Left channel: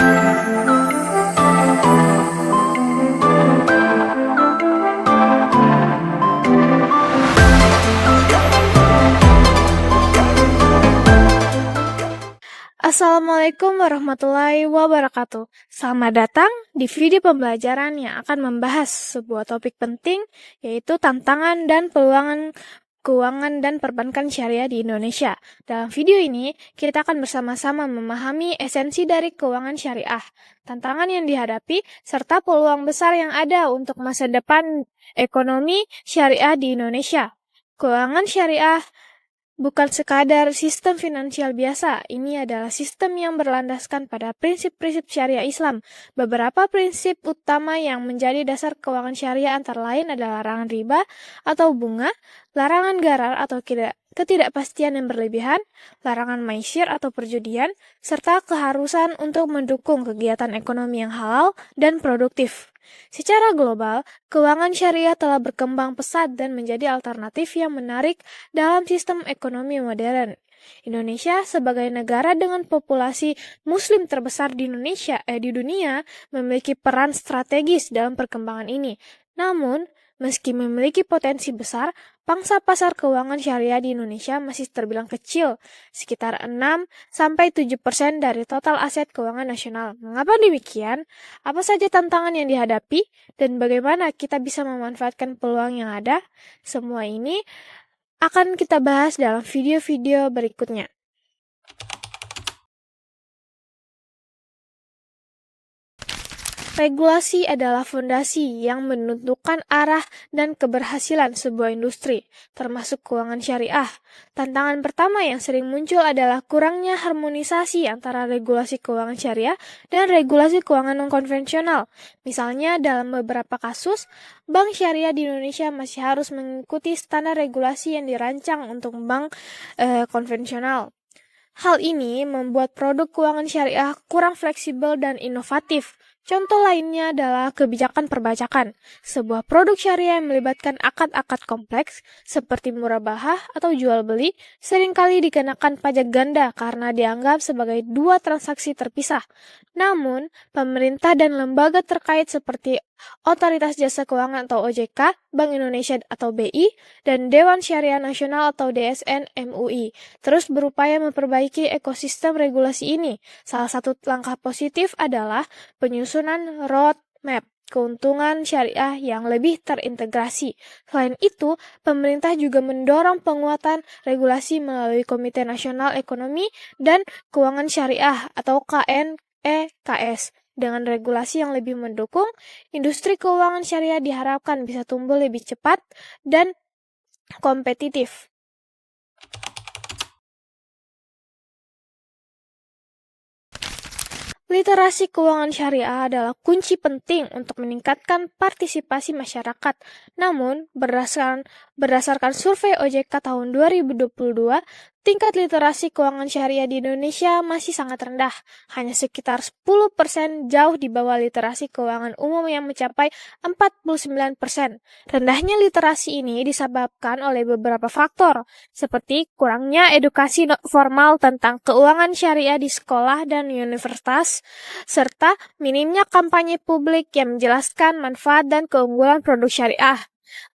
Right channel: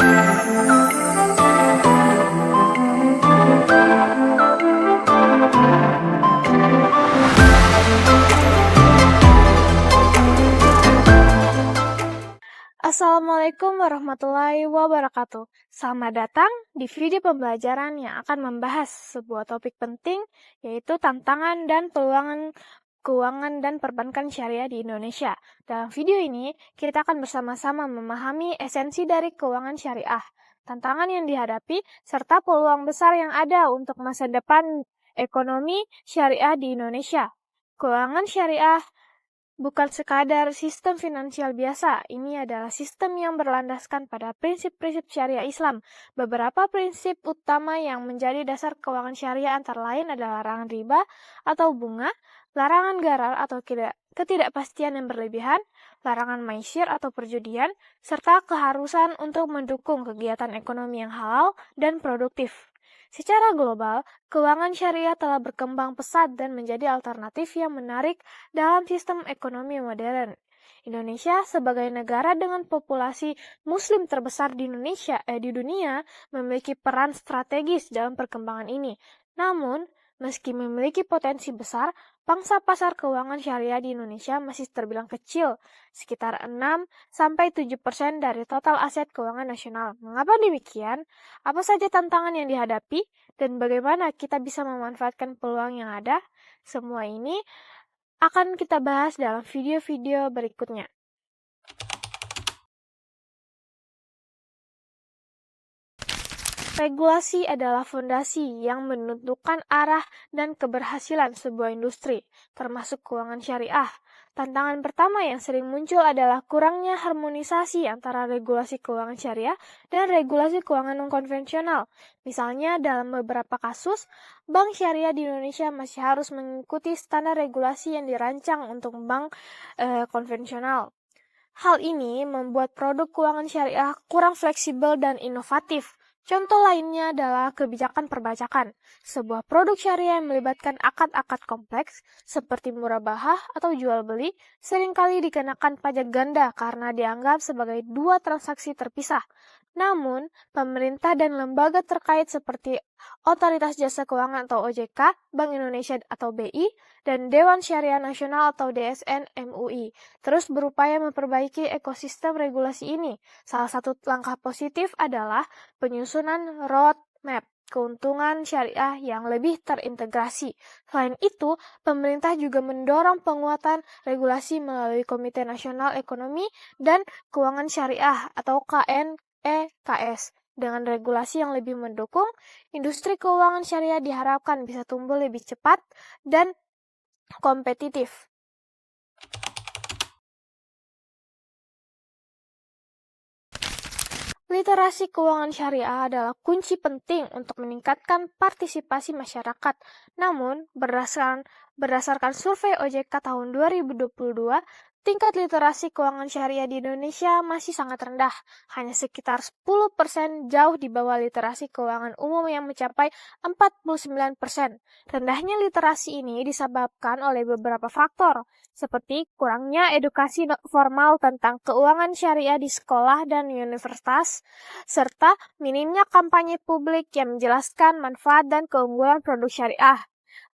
Assalamualaikum warahmatullahi wabarakatuh. Selamat datang di video pembelajaran yang akan membahas sebuah topik penting, yaitu tantangan dan peluang keuangan dan perbankan syariah di Indonesia. Dalam video ini, kita akan bersama-sama memahami esensi dari keuangan syariah, tantangan yang dihadapi, serta peluang besar yang ada untuk masa depan ekonomi syariah di Indonesia. Keuangan syariah bukan sekadar sistem finansial biasa, ini adalah sistem yang berlandaskan pada prinsip-prinsip syariah Islam. Beberapa prinsip utama yang menjadi dasar keuangan syariah antara lain adalah larangan riba atau bunga, larangan gharar atau ketidakpastian yang berlebihan, larangan maisir atau perjudian, serta keharusan untuk mendukung kegiatan ekonomi yang halal dan produktif. Secara global, keuangan syariah telah berkembang pesat dan menjadi alternatif yang menarik dalam sistem ekonomi modern. Indonesia sebagai negara dengan populasi muslim terbesar di dunia memiliki peran strategis dalam perkembangan ini. Namun, meski memiliki potensi besar, pangsa pasar keuangan syariah di Indonesia masih terbilang kecil, sekitar 6-7% dari total aset keuangan nasional. Mengapa demikian? Apa saja tantangan yang dihadapi, dan bagaimana kita bisa memanfaatkan peluang yang ada? Semua ini akan kita bahas dalam video-video berikutnya. Regulasi adalah fondasi yang menentukan arah dan keberhasilan sebuah industri, termasuk keuangan syariah. Tantangan pertama yang sering muncul adalah kurangnya harmonisasi antara regulasi keuangan syariah dan regulasi keuangan non-konvensional. Misalnya, dalam beberapa kasus, bank syariah di Indonesia masih harus mengikuti standar regulasi yang dirancang untuk bank konvensional. Hal ini membuat produk keuangan syariah kurang fleksibel dan inovatif. Contoh lainnya adalah kebijakan perbajakan, sebuah produk syariah yang melibatkan akad-akad kompleks seperti murabahah atau jual beli seringkali dikenakan pajak ganda karena dianggap sebagai dua transaksi terpisah. Namun, pemerintah dan lembaga terkait seperti Otoritas Jasa Keuangan atau OJK, Bank Indonesia atau BI, dan Dewan Syariah Nasional atau DSN MUI terus berupaya memperbaiki ekosistem regulasi ini. Salah satu langkah positif adalah penyusunan roadmap keuntungan syariah yang lebih terintegrasi. Selain itu, pemerintah juga mendorong penguatan regulasi melalui Komite Nasional Ekonomi dan Keuangan Syariah atau KNEKS. Dengan regulasi yang lebih mendukung, industri keuangan syariah diharapkan bisa tumbuh lebih cepat dan kompetitif. Literasi keuangan syariah adalah kunci penting untuk meningkatkan partisipasi masyarakat. Namun, berdasarkan survei OJK tahun 2022, tingkat literasi keuangan syariah di Indonesia masih sangat rendah, hanya sekitar 10%, jauh di bawah literasi keuangan umum yang mencapai 49%. Rendahnya literasi ini disebabkan oleh beberapa faktor, seperti kurangnya edukasi formal tentang keuangan syariah di sekolah dan universitas, serta minimnya kampanye publik yang menjelaskan manfaat dan keunggulan produk syariah.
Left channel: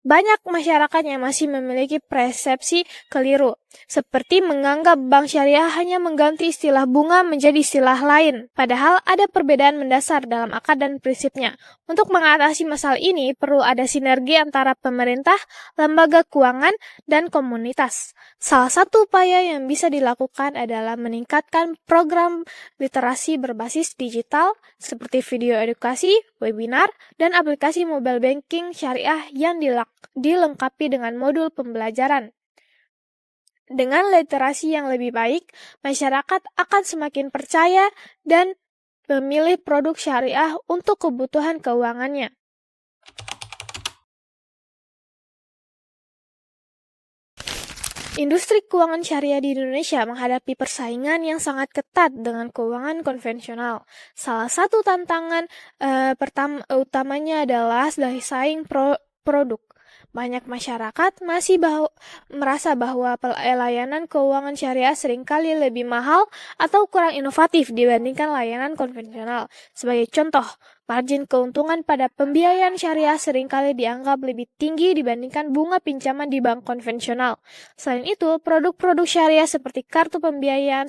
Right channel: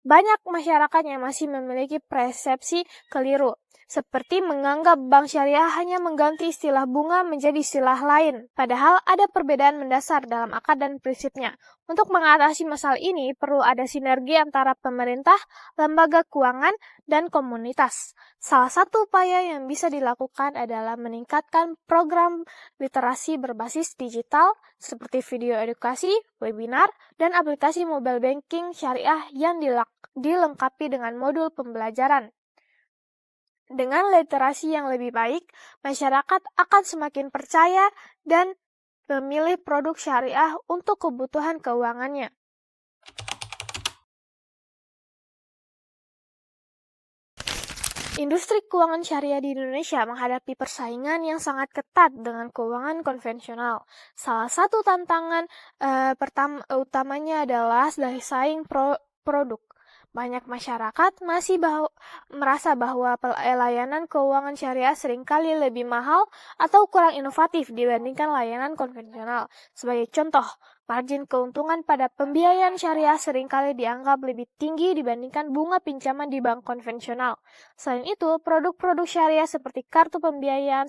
Banyak masyarakat yang masih memiliki persepsi keliru, seperti menganggap bank syariah hanya mengganti istilah bunga menjadi istilah lain, padahal ada perbedaan mendasar dalam akad dan prinsipnya. Untuk mengatasi masalah ini, perlu ada sinergi antara pemerintah, lembaga keuangan, dan komunitas. Salah satu upaya yang bisa dilakukan adalah meningkatkan program literasi berbasis digital, seperti video edukasi, webinar, dan aplikasi mobile banking syariah yang dilengkapi dengan modul pembelajaran. Dengan literasi yang lebih baik, masyarakat akan semakin percaya dan memilih produk syariah untuk kebutuhan keuangannya. Industri keuangan syariah di Indonesia menghadapi persaingan yang sangat ketat dengan keuangan konvensional. Salah satu tantangan utamanya adalah dari saing produk. Banyak masyarakat masih merasa bahwa layanan keuangan syariah seringkali lebih mahal atau kurang inovatif dibandingkan layanan konvensional. Sebagai contoh, margin keuntungan pada pembiayaan syariah seringkali dianggap lebih tinggi dibandingkan bunga pinjaman di bank konvensional. Selain itu, produk-produk syariah seperti kartu pembiayaan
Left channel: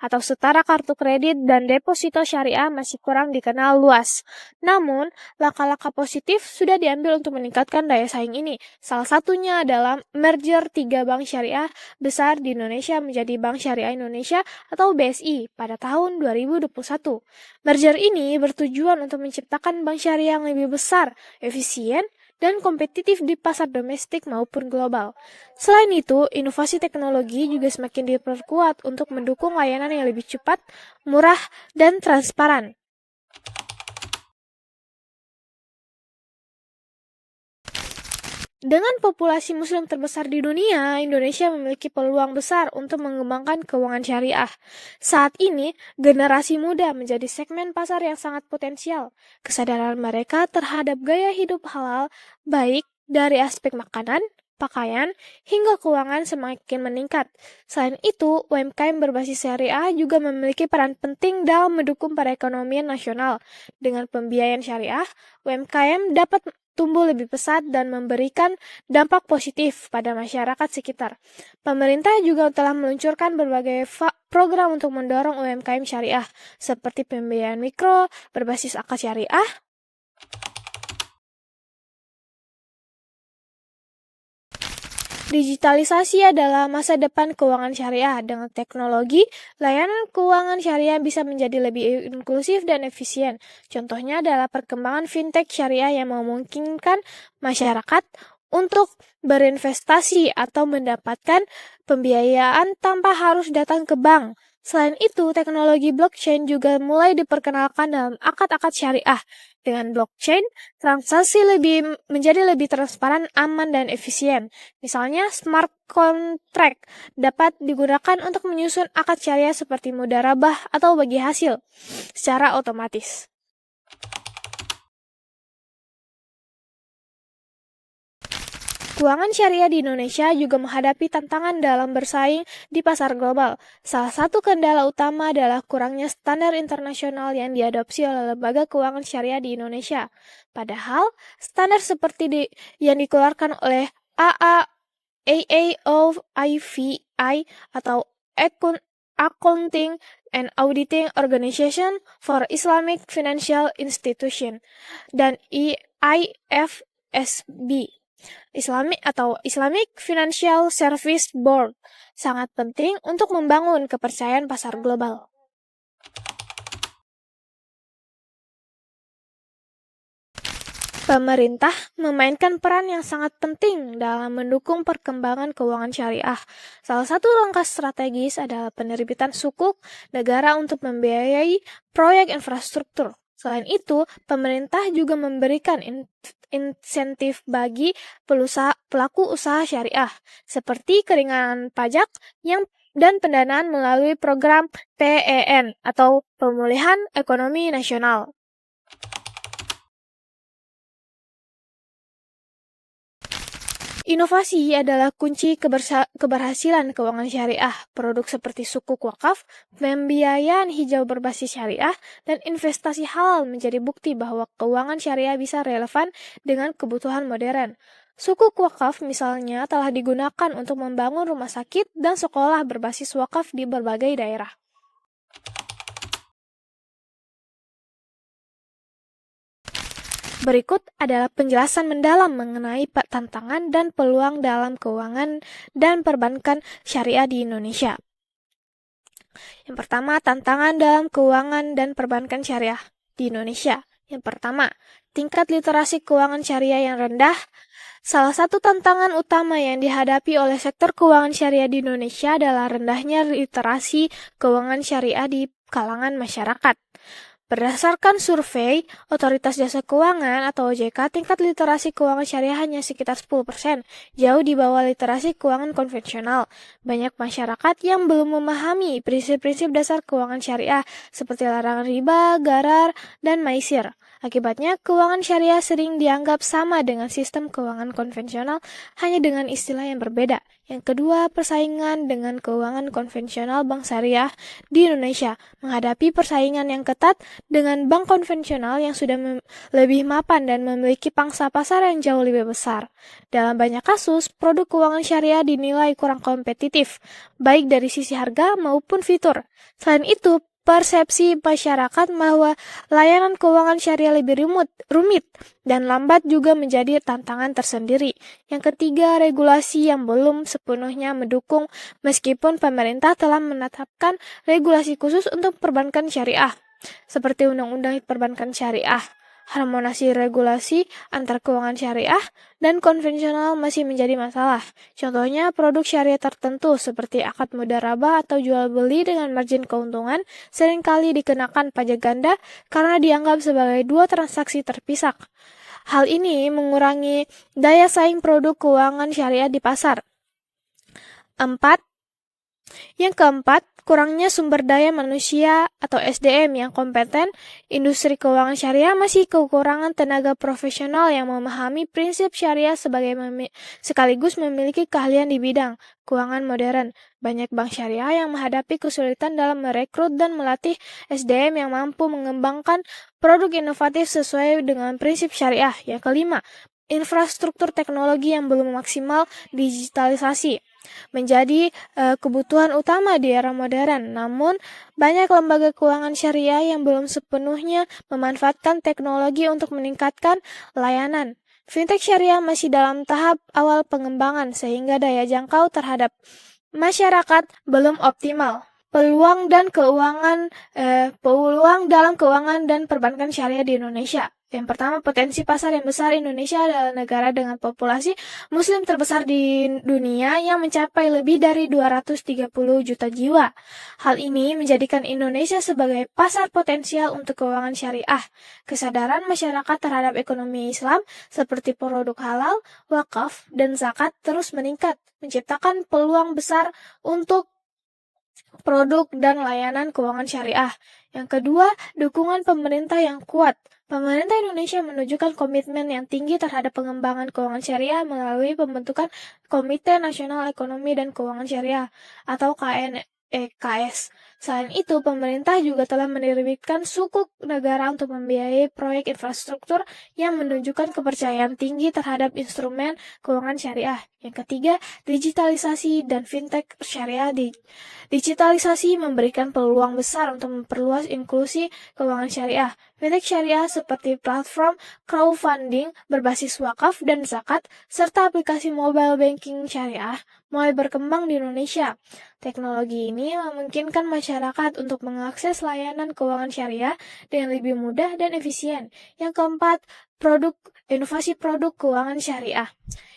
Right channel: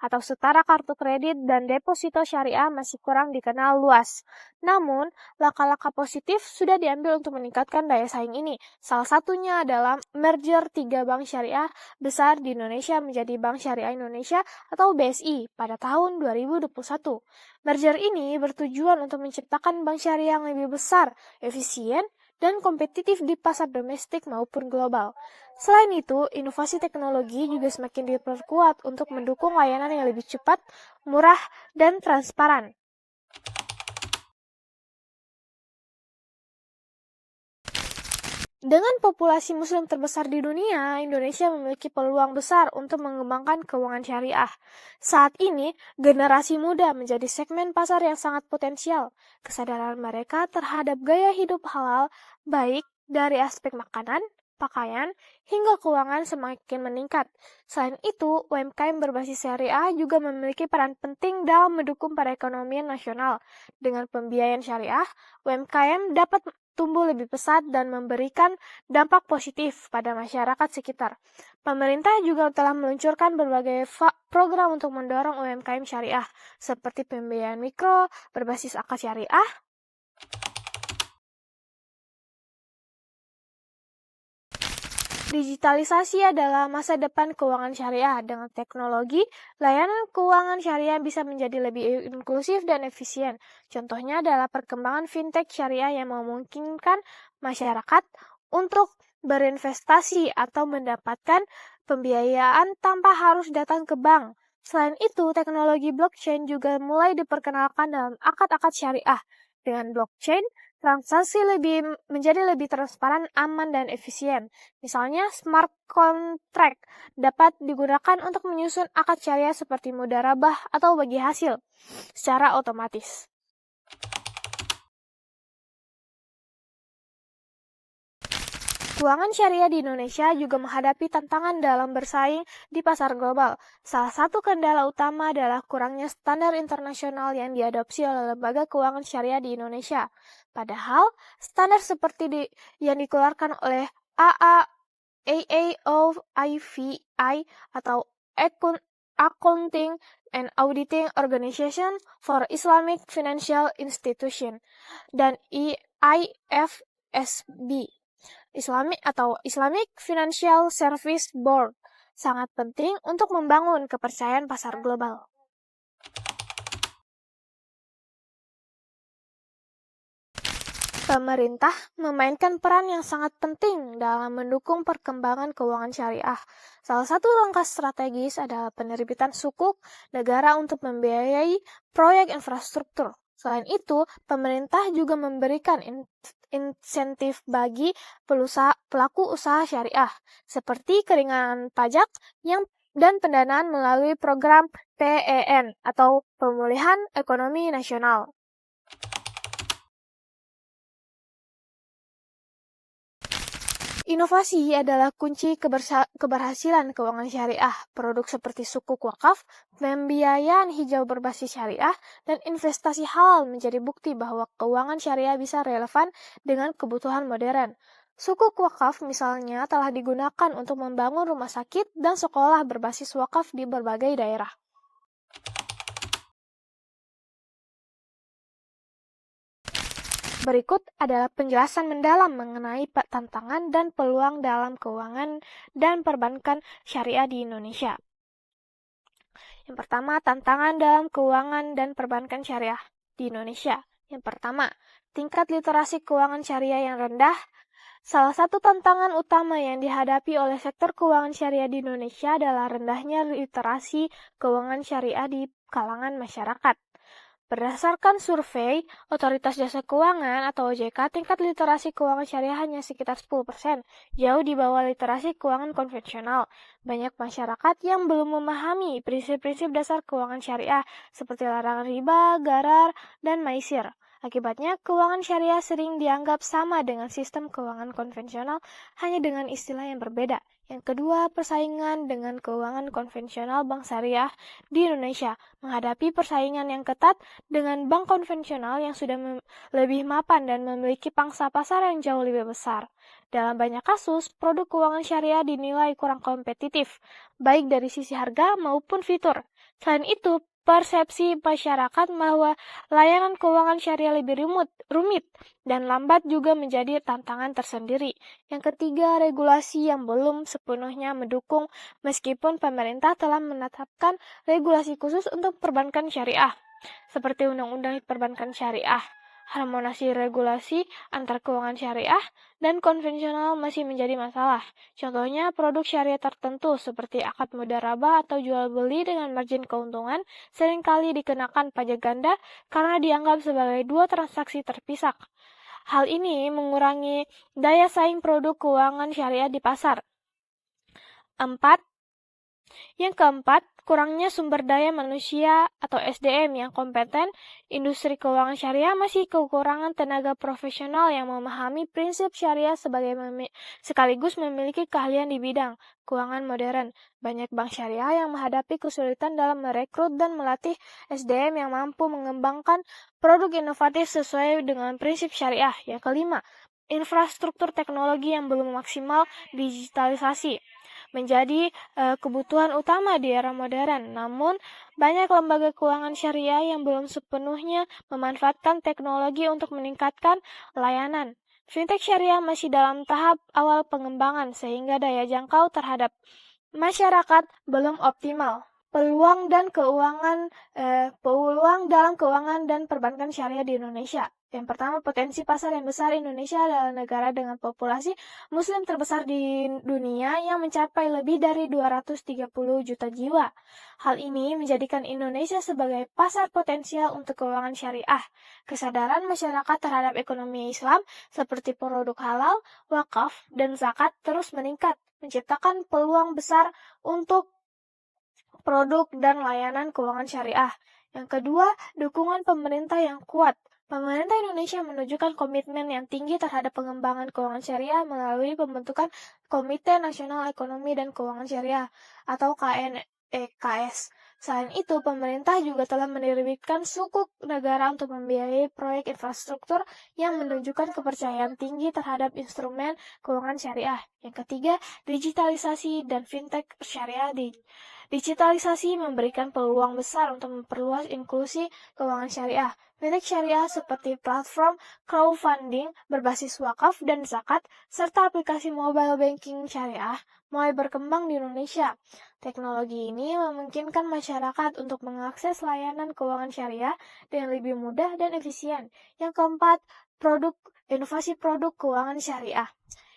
atau setara kartu kredit dan deposito syariah masih kurang dikenal luas. Namun, langkah-langkah positif sudah diambil untuk meningkatkan daya saing ini. Salah satunya adalah merger 3 bank syariah besar di Indonesia menjadi Bank Syariah Indonesia atau BSI pada tahun 2021. Merger ini bertujuan untuk menciptakan bank syariah yang lebih besar, efisien, dan kompetitif di pasar domestik maupun global. Selain itu, inovasi teknologi juga semakin diperkuat untuk mendukung layanan yang lebih cepat, murah, dan transparan. Dengan populasi muslim terbesar di dunia, Indonesia memiliki peluang besar untuk mengembangkan keuangan syariah. Saat ini, generasi muda menjadi segmen pasar yang sangat potensial. Kesadaran mereka terhadap gaya hidup halal, baik dari aspek makanan, pakaian, hingga keuangan semakin meningkat. Selain itu, UMKM berbasis syariah juga memiliki peran penting dalam mendukung perekonomian nasional. Dengan pembiayaan syariah, UMKM dapat tumbuh lebih pesat dan memberikan dampak positif pada masyarakat sekitar. Pemerintah juga telah meluncurkan berbagai program untuk mendorong UMKM syariah, seperti pembiayaan mikro berbasis akad syariah, digitalisasi adalah masa depan keuangan syariah. Dengan teknologi, layanan keuangan syariah bisa menjadi lebih inklusif dan efisien. Contohnya adalah perkembangan fintech syariah yang memungkinkan masyarakat untuk berinvestasi atau mendapatkan pembiayaan tanpa harus datang ke bank. Selain itu, teknologi blockchain juga mulai diperkenalkan dalam akad-akad syariah. Dengan blockchain, transaksi menjadi lebih transparan, aman, dan efisien. Misalnya, smart contract dapat digunakan untuk menyusun akad syariah seperti mudharabah atau bagi hasil secara otomatis. Keuangan syariah di Indonesia juga menghadapi tantangan dalam bersaing di pasar global. Salah satu kendala utama adalah kurangnya standar internasional yang diadopsi oleh lembaga keuangan syariah di Indonesia. Padahal, standar seperti yang dikeluarkan oleh AAOIVI atau Accounting and Auditing Organization for Islamic Financial Institution dan IFSB Islamic Financial Service Board sangat penting untuk membangun kepercayaan pasar global. Pemerintah memainkan peran yang sangat penting dalam mendukung perkembangan keuangan syariah. Salah satu langkah strategis adalah penerbitan sukuk negara untuk membiayai proyek infrastruktur. Selain itu, pemerintah juga memberikan insentif bagi pelaku usaha syariah, seperti keringanan pajak dan pendanaan melalui program PEN atau Pemulihan Ekonomi Nasional. Inovasi adalah kunci keberhasilan keuangan syariah. Produk seperti sukuk wakaf, pembiayaan hijau berbasis syariah, dan investasi halal menjadi bukti bahwa keuangan syariah bisa relevan dengan kebutuhan modern. Sukuk wakaf misalnya telah digunakan untuk membangun rumah sakit dan sekolah berbasis wakaf di berbagai daerah. Berikut adalah penjelasan mendalam mengenai tantangan dan peluang dalam keuangan dan perbankan syariah di Indonesia. Yang pertama, tantangan dalam keuangan dan perbankan syariah di Indonesia. Yang pertama, tingkat literasi keuangan syariah yang rendah. Salah satu tantangan utama yang dihadapi oleh sektor keuangan syariah di Indonesia adalah rendahnya literasi keuangan syariah di kalangan masyarakat. Berdasarkan survei, Otoritas Jasa Keuangan atau OJK, tingkat literasi keuangan syariah hanya sekitar 10%, jauh di bawah literasi keuangan konvensional. Banyak masyarakat yang belum memahami prinsip-prinsip dasar keuangan syariah, seperti larangan riba, gharar, dan maisir. Akibatnya, keuangan syariah sering dianggap sama dengan sistem keuangan konvensional, hanya dengan istilah yang berbeda. Yang kedua, persaingan dengan keuangan konvensional bank syariah di Indonesia menghadapi persaingan yang ketat dengan bank konvensional yang sudah lebih mapan dan memiliki pangsa pasar yang jauh lebih besar. Dalam banyak kasus, produk keuangan syariah dinilai kurang kompetitif, baik dari sisi harga maupun fitur. Selain itu, persepsi masyarakat bahwa layanan keuangan syariah lebih rumit dan lambat juga menjadi tantangan tersendiri. Yang ketiga, regulasi yang belum sepenuhnya mendukung meskipun pemerintah telah menetapkan regulasi khusus untuk perbankan syariah, seperti Undang-Undang Perbankan Syariah. Harmonisasi regulasi antar keuangan syariah dan konvensional masih menjadi masalah. Contohnya, produk syariah tertentu seperti akad mudharabah atau jual beli dengan margin keuntungan seringkali dikenakan pajak ganda karena dianggap sebagai dua transaksi terpisah. Hal ini mengurangi daya saing produk keuangan syariah di pasar. Yang keempat, kurangnya sumber daya manusia atau SDM yang kompeten. Industri keuangan syariah masih kekurangan tenaga profesional yang memahami prinsip syariah sekaligus memiliki keahlian di bidang keuangan modern. Banyak bank syariah yang menghadapi kesulitan dalam merekrut dan melatih SDM yang mampu mengembangkan produk inovatif sesuai dengan prinsip syariah. Yang kelima, infrastruktur teknologi yang belum maksimal digitalisasi menjadi kebutuhan utama di era modern. Namun, banyak lembaga keuangan syariah yang belum sepenuhnya memanfaatkan teknologi untuk meningkatkan layanan. Fintech syariah masih dalam tahap awal pengembangan sehingga daya jangkau terhadap masyarakat belum optimal. Peluang dalam keuangan dan perbankan syariah di Indonesia. Yang pertama, potensi pasar yang besar. Indonesia adalah negara dengan populasi muslim terbesar di dunia yang mencapai lebih dari 230 juta jiwa. Hal ini menjadikan Indonesia sebagai pasar potensial untuk keuangan syariah. Kesadaran masyarakat terhadap ekonomi Islam seperti produk halal, wakaf, dan zakat terus meningkat, menciptakan peluang besar untuk produk dan layanan keuangan syariah. Yang kedua, dukungan pemerintah yang kuat. Pemerintah Indonesia menunjukkan komitmen yang tinggi terhadap pengembangan keuangan syariah melalui pembentukan Komite Nasional Ekonomi dan Keuangan Syariah atau KNEKS. Selain itu, pemerintah juga telah menerbitkan sukuk negara untuk membiayai proyek infrastruktur yang menunjukkan kepercayaan tinggi terhadap instrumen keuangan syariah. Yang ketiga, digitalisasi dan fintech syariah. Digitalisasi memberikan peluang besar untuk memperluas inklusi keuangan syariah. Fintech syariah seperti platform crowdfunding berbasis wakaf dan zakat, serta aplikasi mobile banking syariah mulai berkembang di Indonesia. Teknologi ini memungkinkan masyarakat untuk mengakses layanan keuangan syariah dengan lebih mudah dan efisien. Yang keempat, inovasi produk keuangan syariah.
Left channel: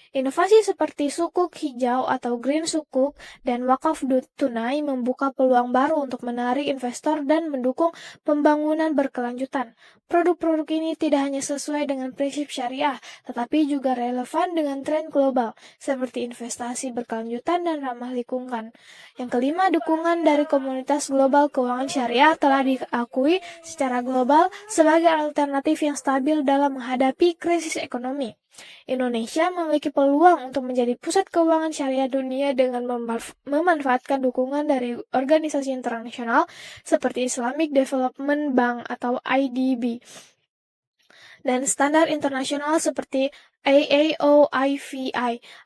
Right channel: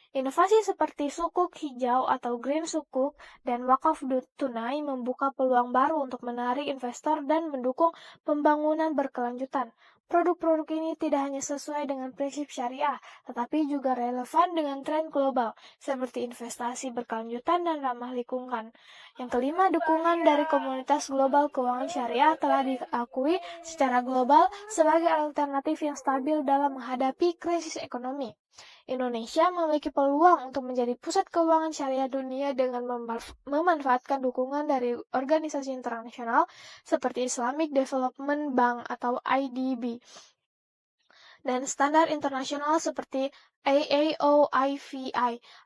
Inovasi seperti sukuk hijau atau green sukuk dan wakaf tunai membuka peluang baru untuk menarik investor dan mendukung pembangunan berkelanjutan. Produk-produk ini tidak hanya sesuai dengan prinsip syariah, tetapi juga relevan dengan tren global, seperti investasi berkelanjutan dan ramah lingkungan. Yang kelima, dukungan dari komunitas global keuangan syariah telah diakui secara global sebagai alternatif yang stabil dalam menghadapi krisis ekonomi. Indonesia memiliki peluang untuk menjadi pusat keuangan syariah dunia dengan memanfaatkan dukungan dari organisasi internasional seperti Islamic Development Bank atau IDB dan standar internasional seperti AAOIFI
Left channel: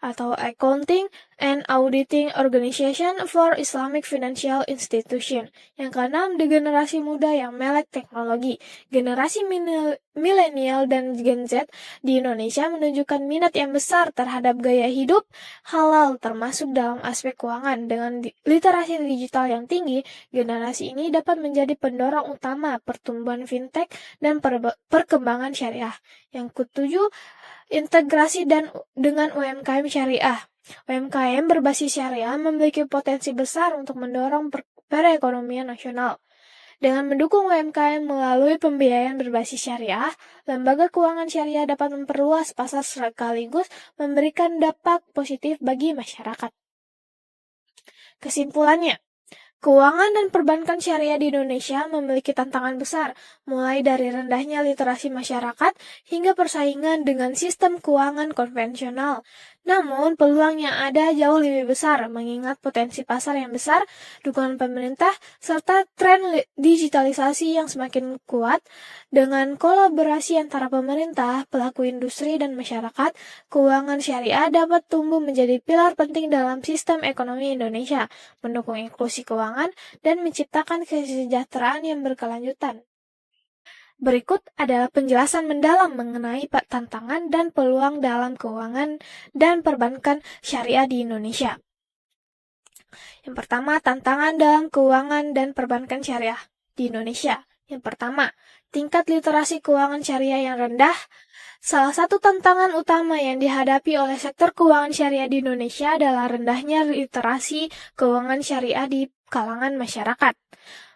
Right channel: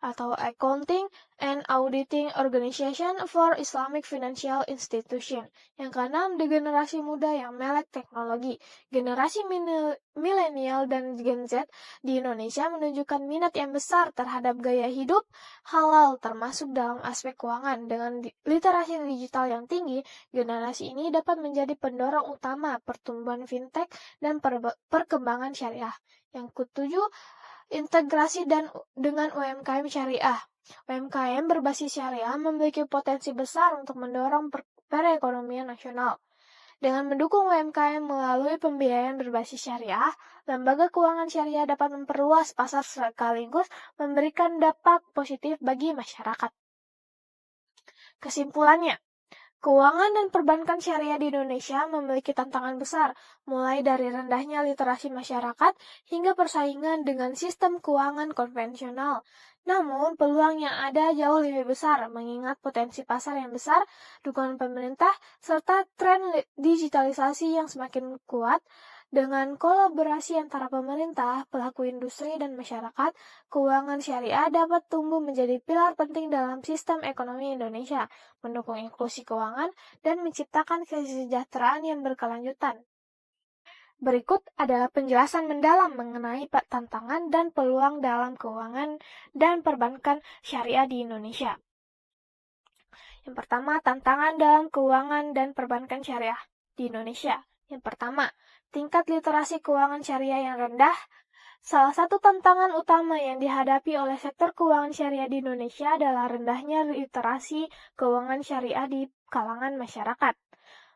atau Accounting and Auditing Organization for Islamic Financial Institution. Yang keenam, generasi muda yang melek teknologi. Generasi milenial dan Gen Z di Indonesia menunjukkan minat yang besar terhadap gaya hidup halal termasuk dalam aspek keuangan. Dengan literasi digital yang tinggi, generasi ini dapat menjadi pendorong utama pertumbuhan fintech dan perkembangan syariah. Yang ketujuh, integrasi dengan UMKM syariah. UMKM berbasis syariah memiliki potensi besar untuk mendorong perekonomian nasional. Dengan mendukung UMKM melalui pembiayaan berbasis syariah, lembaga keuangan syariah dapat memperluas pasar sekaligus memberikan dampak positif bagi masyarakat. Kesimpulannya, keuangan dan perbankan syariah di Indonesia memiliki tantangan besar, mulai dari rendahnya literasi masyarakat hingga persaingan dengan sistem keuangan konvensional. Namun, peluang yang ada jauh lebih besar, mengingat potensi pasar yang besar, dukungan pemerintah, serta tren digitalisasi yang semakin kuat. Dengan kolaborasi antara pemerintah, pelaku industri, dan masyarakat, keuangan syariah dapat tumbuh menjadi pilar penting dalam sistem ekonomi Indonesia, mendukung inklusi keuangan, dan menciptakan kesejahteraan yang berkelanjutan. Berikut adalah penjelasan mendalam mengenai tantangan dan peluang dalam keuangan dan perbankan syariah di Indonesia. Yang pertama, tantangan dalam keuangan dan perbankan syariah di Indonesia. Yang pertama, tingkat literasi keuangan syariah yang rendah. Salah satu tantangan utama yang dihadapi oleh sektor keuangan syariah di Indonesia adalah rendahnya literasi keuangan syariah di kalangan masyarakat.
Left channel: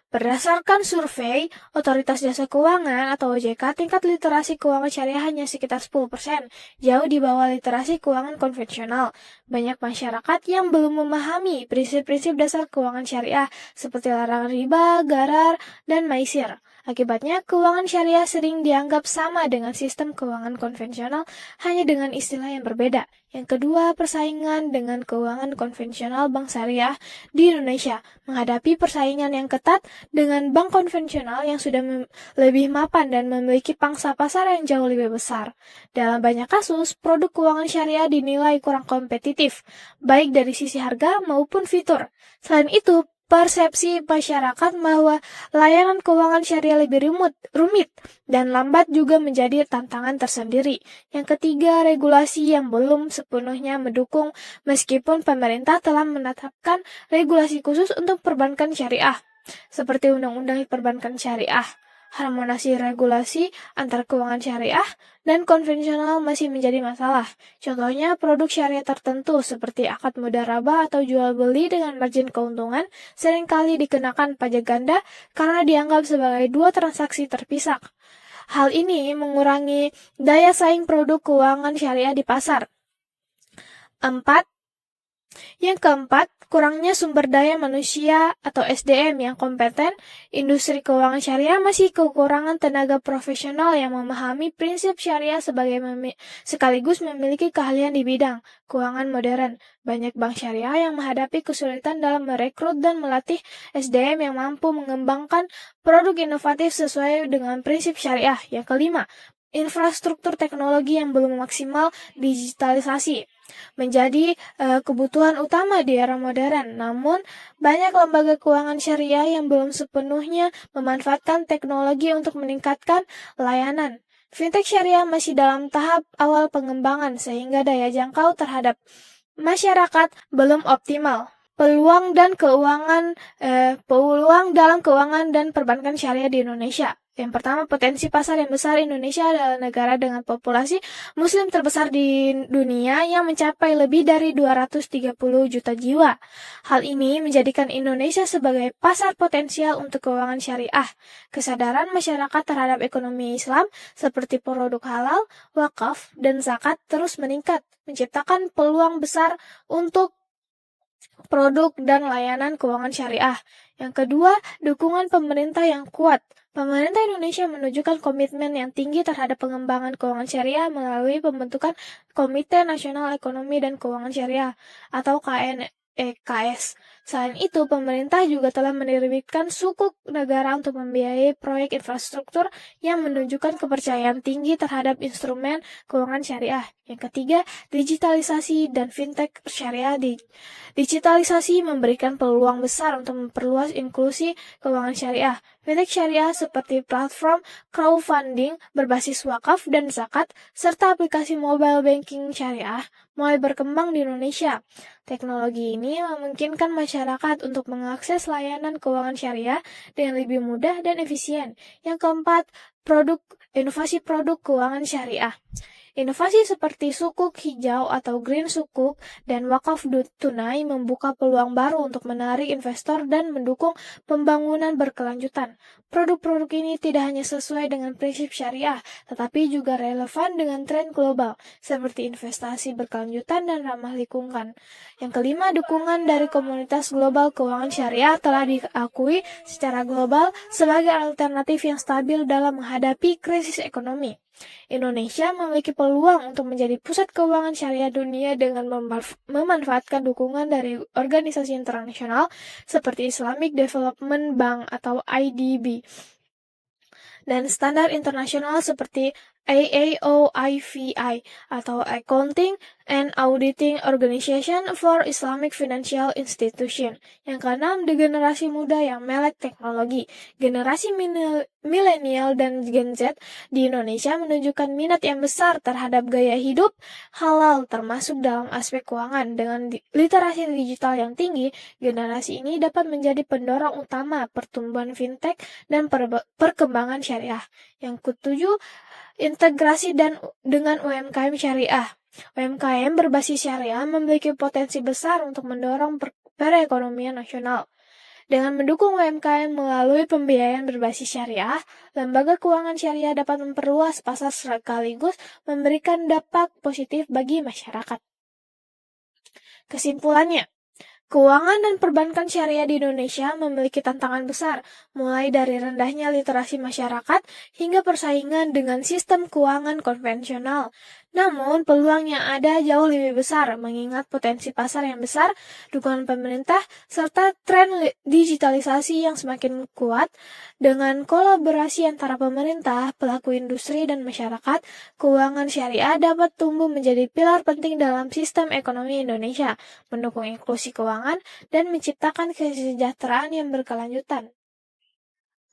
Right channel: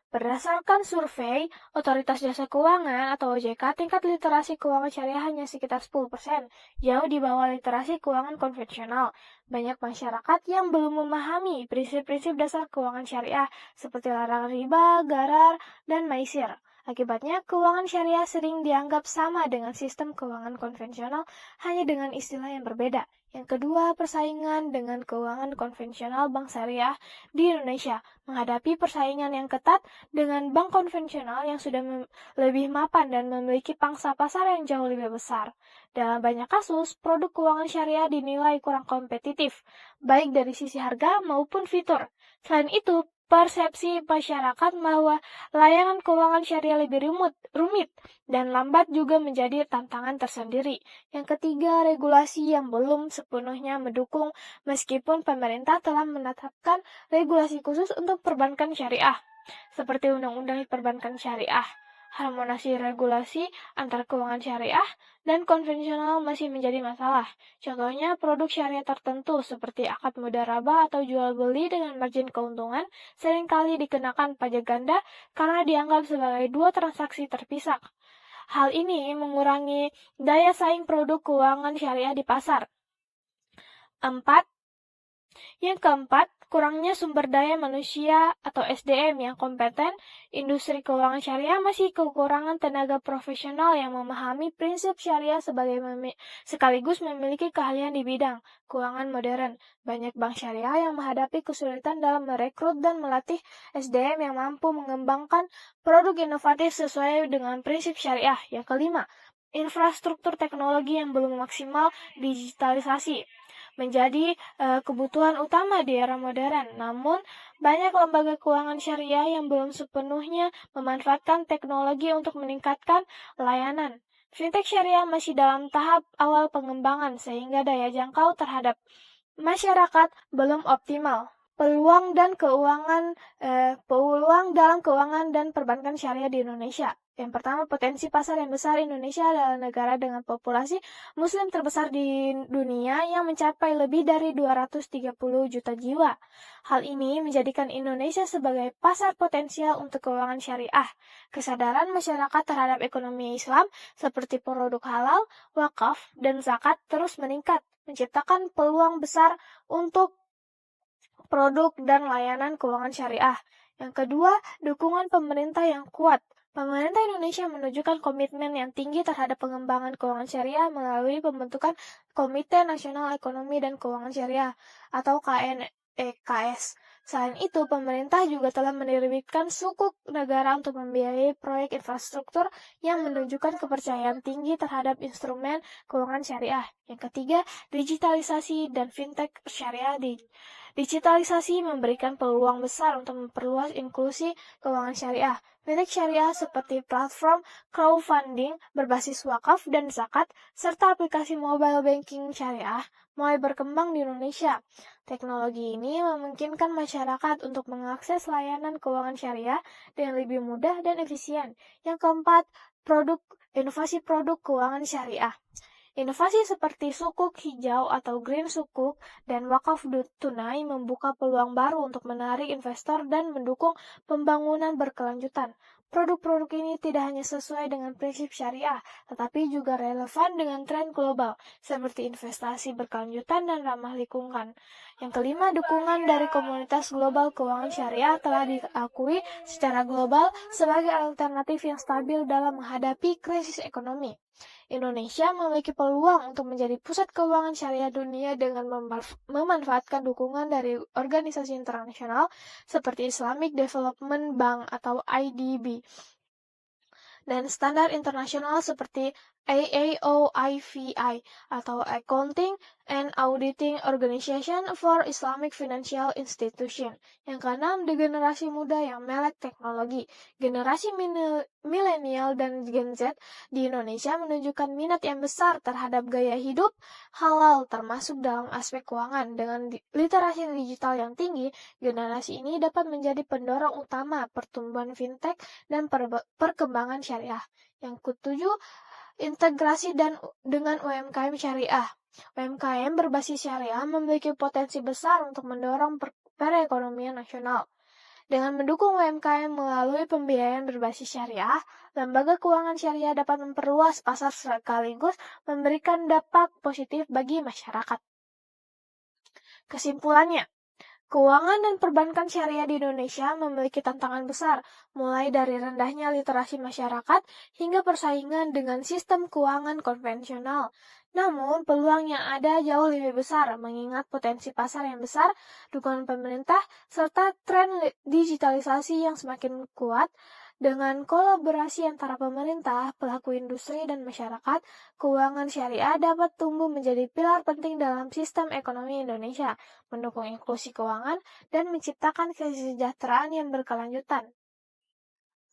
Berdasarkan survei Otoritas Jasa Keuangan atau OJK, tingkat literasi keuangan syariah hanya sekitar 10%, jauh di bawah literasi keuangan konvensional. Banyak masyarakat yang belum memahami prinsip-prinsip dasar keuangan syariah seperti larangan riba, gharar, dan maisir. Akibatnya, keuangan syariah sering dianggap sama dengan sistem keuangan konvensional, hanya dengan istilah yang berbeda. Yang kedua, persaingan dengan keuangan konvensional bank syariah di Indonesia menghadapi persaingan yang ketat dengan bank konvensional yang sudah lebih mapan dan memiliki pangsa pasar yang jauh lebih besar. Dalam banyak kasus, produk keuangan syariah dinilai kurang kompetitif, baik dari sisi harga maupun fitur. Selain itu, persepsi masyarakat bahwa layanan keuangan syariah lebih rumit dan lambat juga menjadi tantangan tersendiri. Yang ketiga, regulasi yang belum sepenuhnya mendukung meskipun pemerintah telah menetapkan regulasi khusus untuk perbankan syariah, seperti Undang-Undang Perbankan Syariah. Harmonisasi regulasi antara keuangan syariah dan konvensional masih menjadi masalah. Contohnya, produk syariah tertentu seperti akad mudharabah atau jual beli dengan margin keuntungan seringkali dikenakan pajak ganda karena dianggap sebagai dua transaksi terpisah. Hal ini mengurangi daya saing produk keuangan syariah di pasar. Yang keempat, kurangnya sumber daya manusia atau SDM yang kompeten. Industri keuangan syariah masih kekurangan tenaga profesional yang memahami prinsip syariah sekaligus memiliki keahlian di bidang keuangan modern. Banyak bank syariah yang menghadapi kesulitan dalam merekrut dan melatih SDM yang mampu mengembangkan produk inovatif sesuai dengan prinsip syariah. Yang kelima, infrastruktur teknologi yang belum maksimal digitalisasi menjadi kebutuhan utama di era modern. Namun, banyak lembaga keuangan syariah yang belum sepenuhnya memanfaatkan teknologi untuk meningkatkan layanan. Fintech syariah masih dalam tahap awal pengembangan sehingga daya jangkau terhadap masyarakat belum optimal. Peluang dalam keuangan dan perbankan syariah di Indonesia. Yang pertama, potensi pasar yang besar. Indonesia adalah negara dengan populasi muslim terbesar di dunia yang mencapai lebih dari 230 juta jiwa. Hal ini menjadikan Indonesia sebagai pasar potensial untuk keuangan syariah. Kesadaran masyarakat terhadap ekonomi Islam seperti produk halal, wakaf, dan zakat terus meningkat, menciptakan peluang besar untuk produk dan layanan keuangan syariah. Yang kedua, dukungan pemerintah yang kuat. Pemerintah Indonesia menunjukkan komitmen yang tinggi terhadap pengembangan keuangan syariah melalui pembentukan Komite Nasional Ekonomi dan Keuangan Syariah atau KNEKS. Selain itu, pemerintah juga telah menerbitkan sukuk negara untuk membiayai proyek infrastruktur yang menunjukkan kepercayaan tinggi terhadap instrumen keuangan syariah. Yang ketiga, digitalisasi dan fintech syariah. Digitalisasi memberikan peluang besar untuk memperluas inklusi keuangan syariah. Fintech syariah seperti platform crowdfunding berbasis wakaf dan zakat, serta aplikasi mobile banking syariah mulai berkembang di Indonesia. Teknologi ini memungkinkan masyarakat untuk mengakses layanan keuangan syariah dengan lebih mudah dan efisien. Yang keempat, inovasi produk keuangan syariah. Inovasi seperti sukuk hijau atau green sukuk dan wakaf tunai membuka peluang baru untuk menarik investor dan mendukung pembangunan berkelanjutan. Produk-produk ini tidak hanya sesuai dengan prinsip syariah, tetapi juga relevan dengan tren global, seperti investasi berkelanjutan dan ramah lingkungan. Yang kelima, dukungan dari komunitas global keuangan syariah telah diakui secara global sebagai alternatif yang stabil dalam menghadapi krisis ekonomi. Indonesia memiliki peluang untuk menjadi pusat keuangan syariah dunia dengan memanfaatkan dukungan dari organisasi internasional seperti Islamic Development Bank atau IDB dan standar internasional seperti AAOIVI atau Accounting and Auditing Organization for Islamic Financial Institution. Yang keenam, di generasi muda yang melek teknologi. Generasi milenial dan Gen Z di Indonesia menunjukkan minat yang besar terhadap gaya hidup halal termasuk dalam aspek keuangan. Dengan literasi digital yang tinggi, generasi ini dapat menjadi pendorong utama pertumbuhan fintech dan perkembangan syariah. Yang ketujuh, integrasi dengan UMKM syariah. UMKM berbasis syariah memiliki potensi besar untuk mendorong perekonomian nasional. Dengan mendukung UMKM melalui pembiayaan berbasis syariah, lembaga keuangan syariah dapat memperluas pasar sekaligus memberikan dampak positif bagi masyarakat. Kesimpulannya, keuangan dan perbankan syariah di Indonesia memiliki tantangan besar, mulai dari rendahnya literasi masyarakat hingga persaingan dengan sistem keuangan konvensional. Namun, peluang yang ada jauh lebih besar mengingat potensi pasar yang besar, dukungan pemerintah, serta tren digitalisasi yang semakin kuat. Dengan kolaborasi antara pemerintah, pelaku industri, dan masyarakat, keuangan syariah dapat tumbuh menjadi pilar penting dalam sistem ekonomi Indonesia, mendukung inklusi keuangan, dan menciptakan kesejahteraan yang berkelanjutan.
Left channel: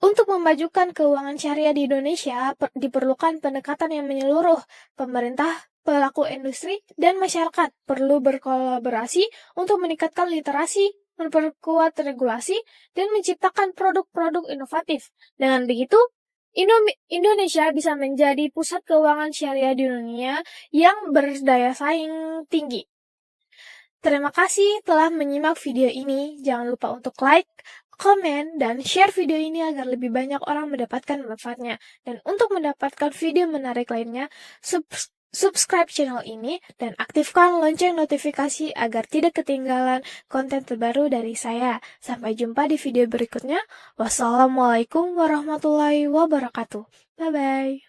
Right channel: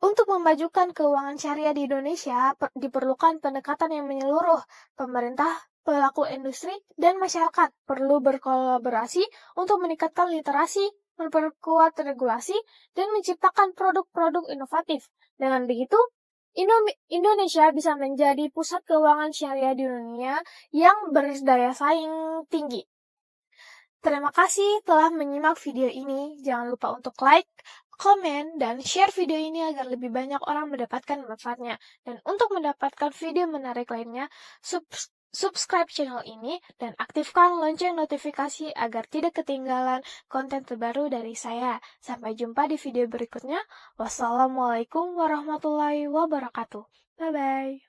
Untuk memajukan keuangan syariah di Indonesia, diperlukan pendekatan yang menyeluruh. Pemerintah, pelaku industri, dan masyarakat perlu berkolaborasi untuk meningkatkan literasi, memperkuat regulasi, dan menciptakan produk-produk inovatif. Dengan begitu, Indonesia bisa menjadi pusat keuangan syariah di dunia yang berdaya saing tinggi. Terima kasih telah menyimak video ini. Jangan lupa untuk like, komen, dan share video ini agar lebih banyak orang mendapatkan manfaatnya. Dan untuk mendapatkan video menarik lainnya, subscribe channel ini dan aktifkan lonceng notifikasi agar tidak ketinggalan konten terbaru dari saya. Sampai jumpa di video berikutnya. Wassalamualaikum warahmatullahi wabarakatuh. Bye-bye.